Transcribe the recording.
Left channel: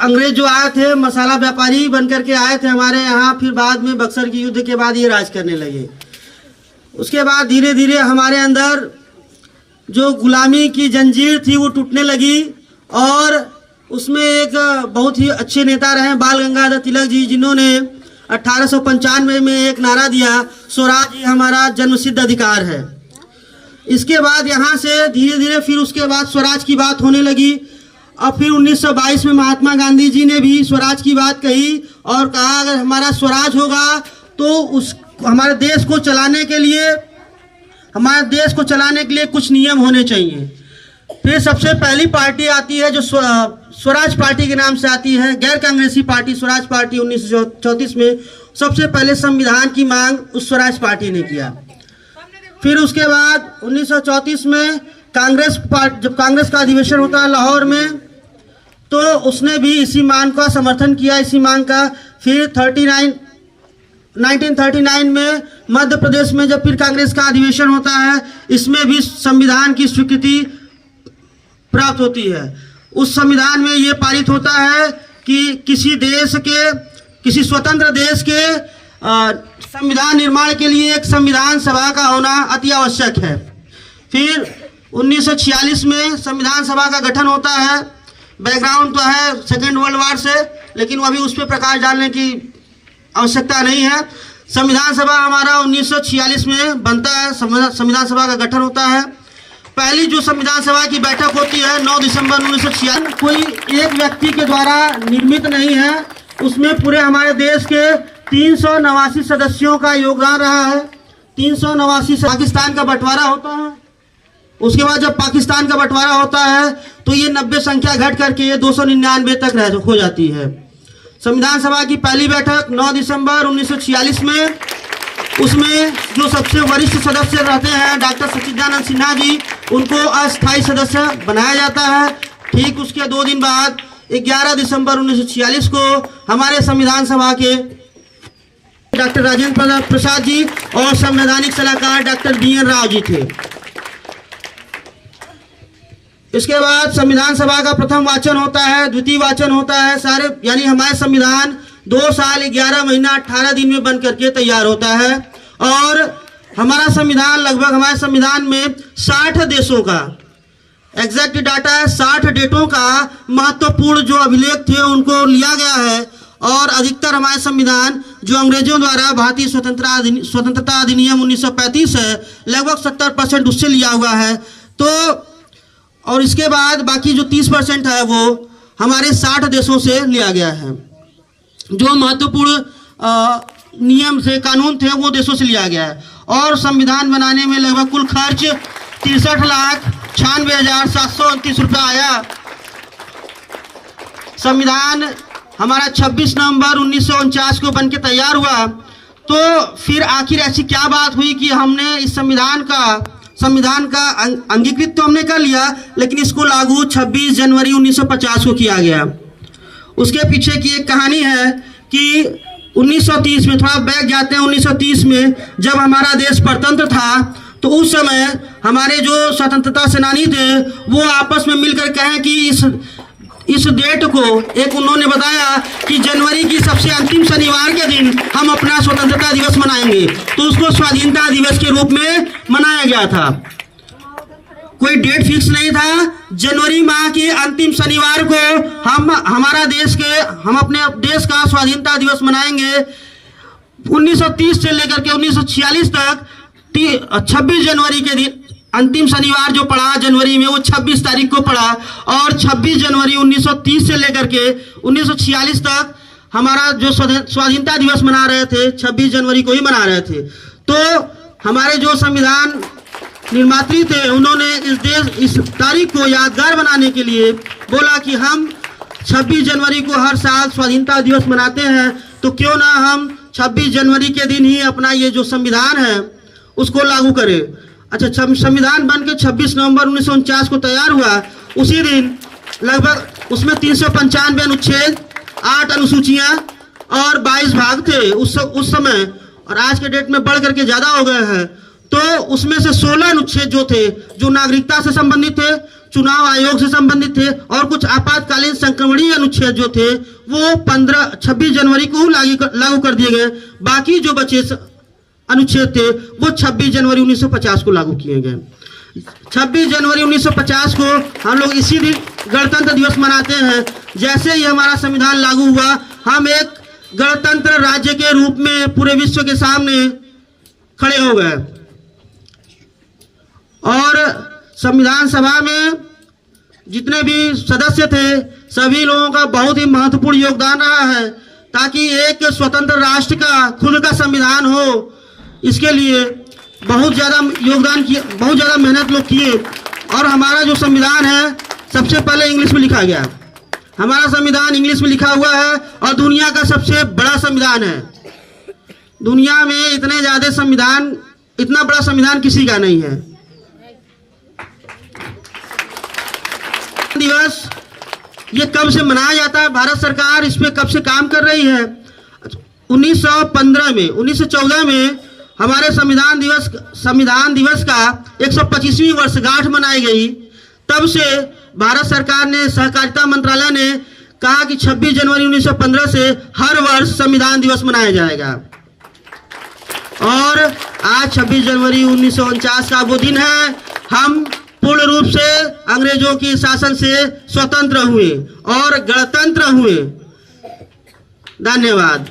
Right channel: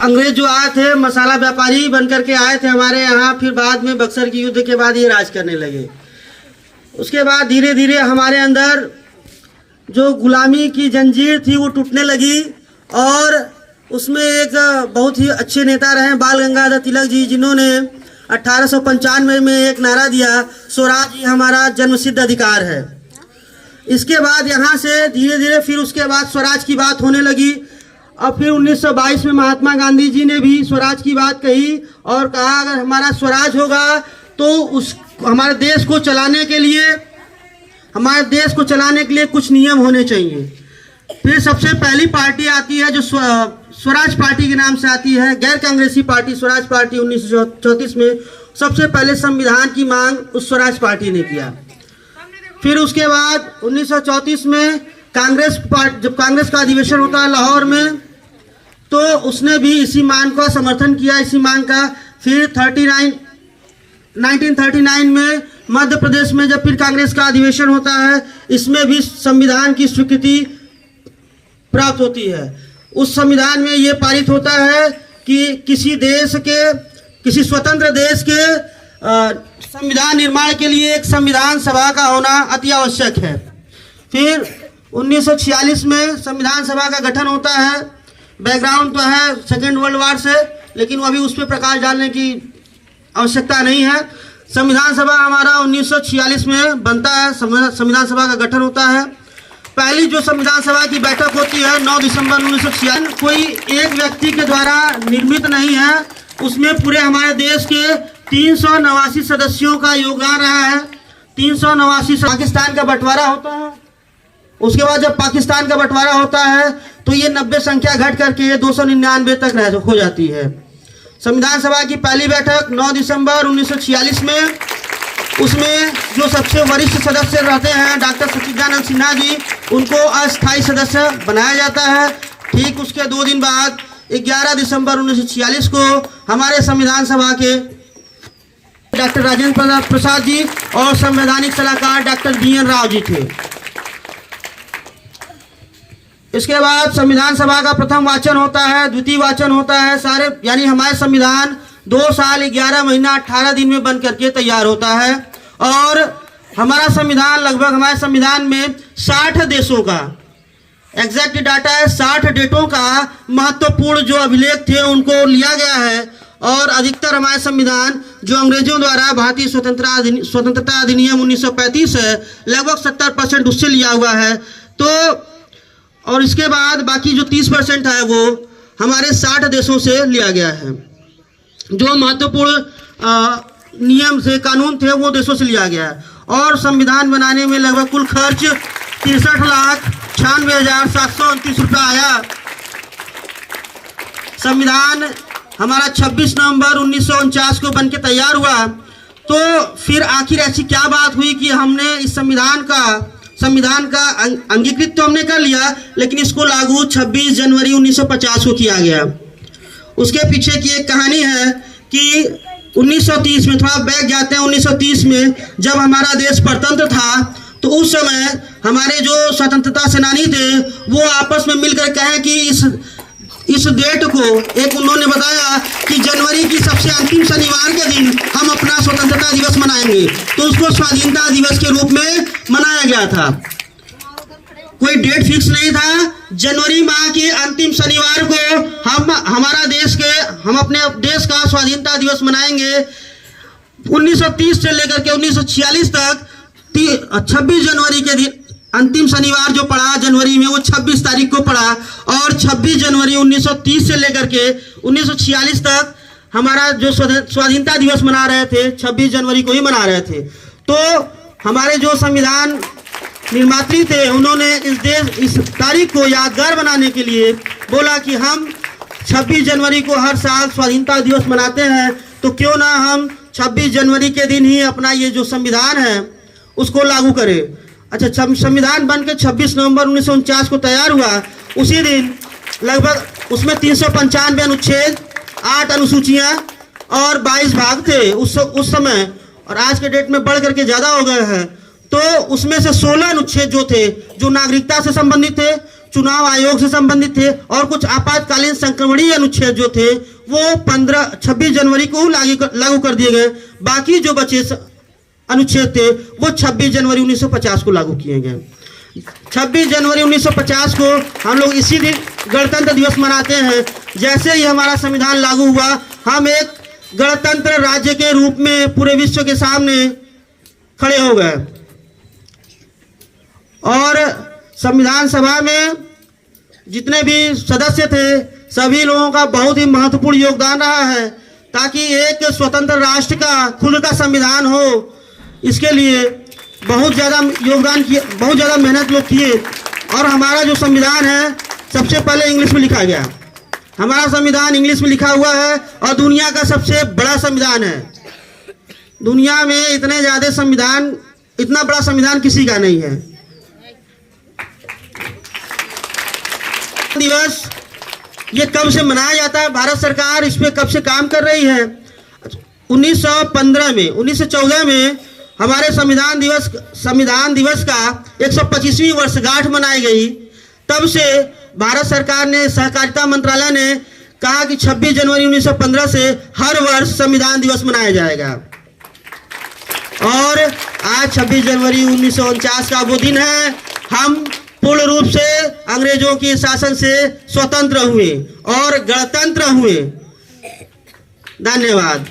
अंग्रेज जो आए थे मसाला व्यापारी बनकर के आए थे हमारे यहाँ, फिर बाद में बक्सर की युद्ध के बाद ये राज करने लगे। उसके बाद धीरे धीरे हमारे अंदर जो गुलामी की जंजीर थी वो टूटने लगी और उसमें एक बहुत ही अच्छे नेता रहे बाल गंगाधर तिलक जी, जिन्होंने 1895 में एक नारा दिया, स्वराज ही हमारा जन्मसिद्ध अधिकार है। इसके बाद यहाँ से धीरे धीरे फिर उसके बाद स्वराज की बात होने लगी और फिर 1922 में महात्मा गांधी जी ने भी स्वराज की बात कही और कहा अगर हमारा स्वराज होगा तो उस हमारे देश को चलाने के लिए कुछ नियम होने चाहिए। फिर सबसे पहली पार्टी आती है जो स्वराज पार्टी के नाम से आती है, गैर कांग्रेसी पार्टी स्वराज पार्टी। 1934 में सबसे पहले संविधान की मांग उस स्वराज पार्टी ने किया। फिर उसके बाद 1934 में जब कांग्रेस का अधिवेशन होता है लाहौर में, तो उसने भी इसी मांग का समर्थन किया, इसी मांग का। फिर 1939 में मध्य प्रदेश में जब फिर कांग्रेस का अधिवेशन होता है, इसमें भी संविधान की स्वीकृति प्राप्त होती है। उस संविधान में ये पारित होता है कि किसी स्वतंत्र देश के संविधान निर्माण के लिए एक संविधान सभा का होना अति आवश्यक है। फिर 1946 में संविधान सभा का गठन होता है। बैकग्राउंड तो है सेकेंड वर्ल्ड वॉर से, लेकिन वो अभी उस पर प्रकाश डालने की आवश्यकता नहीं है। संविधान सभा हमारा 1946 में बनता है, संविधान सभा का गठन होता है। पहली जो संविधान सभा की बैठक होती है 9 दिसंबर 1946, कोई एक व्यक्ति के द्वारा निर्मित नहीं है, उसमें पूरे हमारे देश के 389 सदस्यों का योगदान रहा है। 389। पाकिस्तान का बंटवारा होता है, उसके बाद जब पाकिस्तान का बंटवारा होता है तो ये 90 संख्या घट करके 299 तक हो जाती है। संविधान सभा की पहली बैठक 9 दिसंबर 1946 में, उसमें जो सबसे वरिष्ठ सदस्य रहते हैं डॉक्टर सच्चिदानंद सिन्हा जी, उनको अस्थायी सदस्य बनाया जाता है। ठीक उसके 2 दिन बाद 11 दिसंबर 1946 को हमारे संविधान सभा के डॉक्टर राजेंद्र प्रसाद जी और संवैधानिक सलाहकार डॉक्टर BN राव जी थे। इसके बाद संविधान सभा का प्रथम वाचन होता है, द्वितीय वाचन होता है, सारे यानी हमारे संविधान 2 साल 11 महीना 18 दिन में बन करके तैयार होता है। और हमारा संविधान लगभग हमारे संविधान में 60 देशों का एग्जैक्ट डाटा है, 60 डेटों का महत्वपूर्ण जो अभिलेख थे उनको लिया गया है। और अधिकतर हमारे संविधान जो अंग्रेजों द्वारा भारतीय स्वतंत्रता अधिनियम 1935 है, लगभग 70% उससे लिया हुआ है। तो और इसके बाद बाकी जो 30% है वो हमारे 60 देशों से लिया गया है। जो महत्वपूर्ण नियम थे, कानून थे, वो देशों से लिया गया है। और संविधान बनाने में लगभग कुल खर्च 63,96,729 रुपये आया। संविधान हमारा 26 नवंबर 1949 को बनके तैयार हुआ। तो फिर आखिर ऐसी क्या बात हुई कि हमने इस संविधान का अंगीकृत तो हमने कर लिया, लेकिन इसको लागू 26 जनवरी 1950 को किया गया। उसके पीछे की एक कहानी है कि 1930 में, थोड़ा बैक जाते हैं, 1930 में जब हमारा देश परतंत्र था, तो उस समय हमारे जो स्वतंत्रता सेनानी थे वो आपस में मिलकर कहें कि इस डेट को एक उन्होंने बताया कि जनवरी की सबसे अंतिम शनिवार के दिन हम अपना स्वतंत्रता दिवस मनाएंगे। तो उसको स्वाधीनता दिवस के रूप में मनाया गया था। कोई डेट फिक्स नहीं था। जनवरी माह के अंतिम शनिवार को हम अपने देश का स्वाधीनता दिवस मनाएंगे। 1930 से लेकर के 1946 तक 26 जनवरी के दिन अंतिम शनिवार जो पड़ा जनवरी में, वो 26 तारीख को पड़ा। और 26 जनवरी 1930 से लेकर के 1946 तक हमारा जो स्वाधीनता दिवस मना रहे थे 26 जनवरी को ही मना रहे थे। तो हमारे जो संविधान निर्मात्री थे उन्होंने इस तारीख को यादगार बनाने के लिए बोला कि हम 26 जनवरी को हर साल स्वाधीनता दिवस मनाते हैं, तो क्यों ना हम 26 जनवरी के दिन ही अपना ये जो संविधान है उसको लागू करें। अच्छा, संविधान बन के 26 नवंबर 1949 को तैयार हुआ। उसी दिन लगभग उसमें 395 अनुच्छेद, 8 अनुसूचियां और 22 भाग थे उस समय, और आज के डेट में बढ़ करके ज़्यादा हो गए हैं। तो उसमें से 16 अनुच्छेद जो थे जो नागरिकता से संबंधित थे, चुनाव आयोग से संबंधित थे और कुछ आपातकालीन संक्रमणीय अनुच्छेद जो थे वो 26 जनवरी को लागू कर दिए गए। बाकी जो बचे अनुच्छेद थे वो 26 जनवरी 1950 को लागू किए गए। 26 जनवरी 1950 को हम लोग इसी दिन गणतंत्र दिवस मनाते हैं। जैसे ही हमारा संविधान लागू हुआ, हम एक गणतंत्र राज्य के रूप में पूरे विश्व के सामने खड़े हो गए और संविधान सभा में जितने भी सदस्य थे सभी लोगों का बहुत ही महत्वपूर्ण योगदान रहा है ताकि एक स्वतंत्र राष्ट्र का खुद का संविधान हो। इसके लिए बहुत ज़्यादा योगदान किए, बहुत ज़्यादा मेहनत लोग किए और हमारा जो संविधान है सबसे पहले इंग्लिश में लिखा गया। हमारा संविधान इंग्लिश में लिखा हुआ है और दुनिया का सबसे बड़ा संविधान है। दुनिया में इतना बड़ा संविधान किसी का नहीं है। दिवस ये कब से मनाया जाता है, भारत सरकार इस पे कब से काम कर रही है? 1914 में हमारे संविधान दिवस का 125वीं वर्षगांठ मनाई गई। तब से भारत सरकार ने, सहकारिता मंत्रालय ने कहा कि 26 जनवरी 1915 से हर वर्ष संविधान दिवस मनाया जाएगा और आज 26 जनवरी 1949 का वो दिन है। हम पूर्ण रूप से अंग्रेजों के शासन से स्वतंत्र हुए और गणतंत्र हुए। धन्यवाद।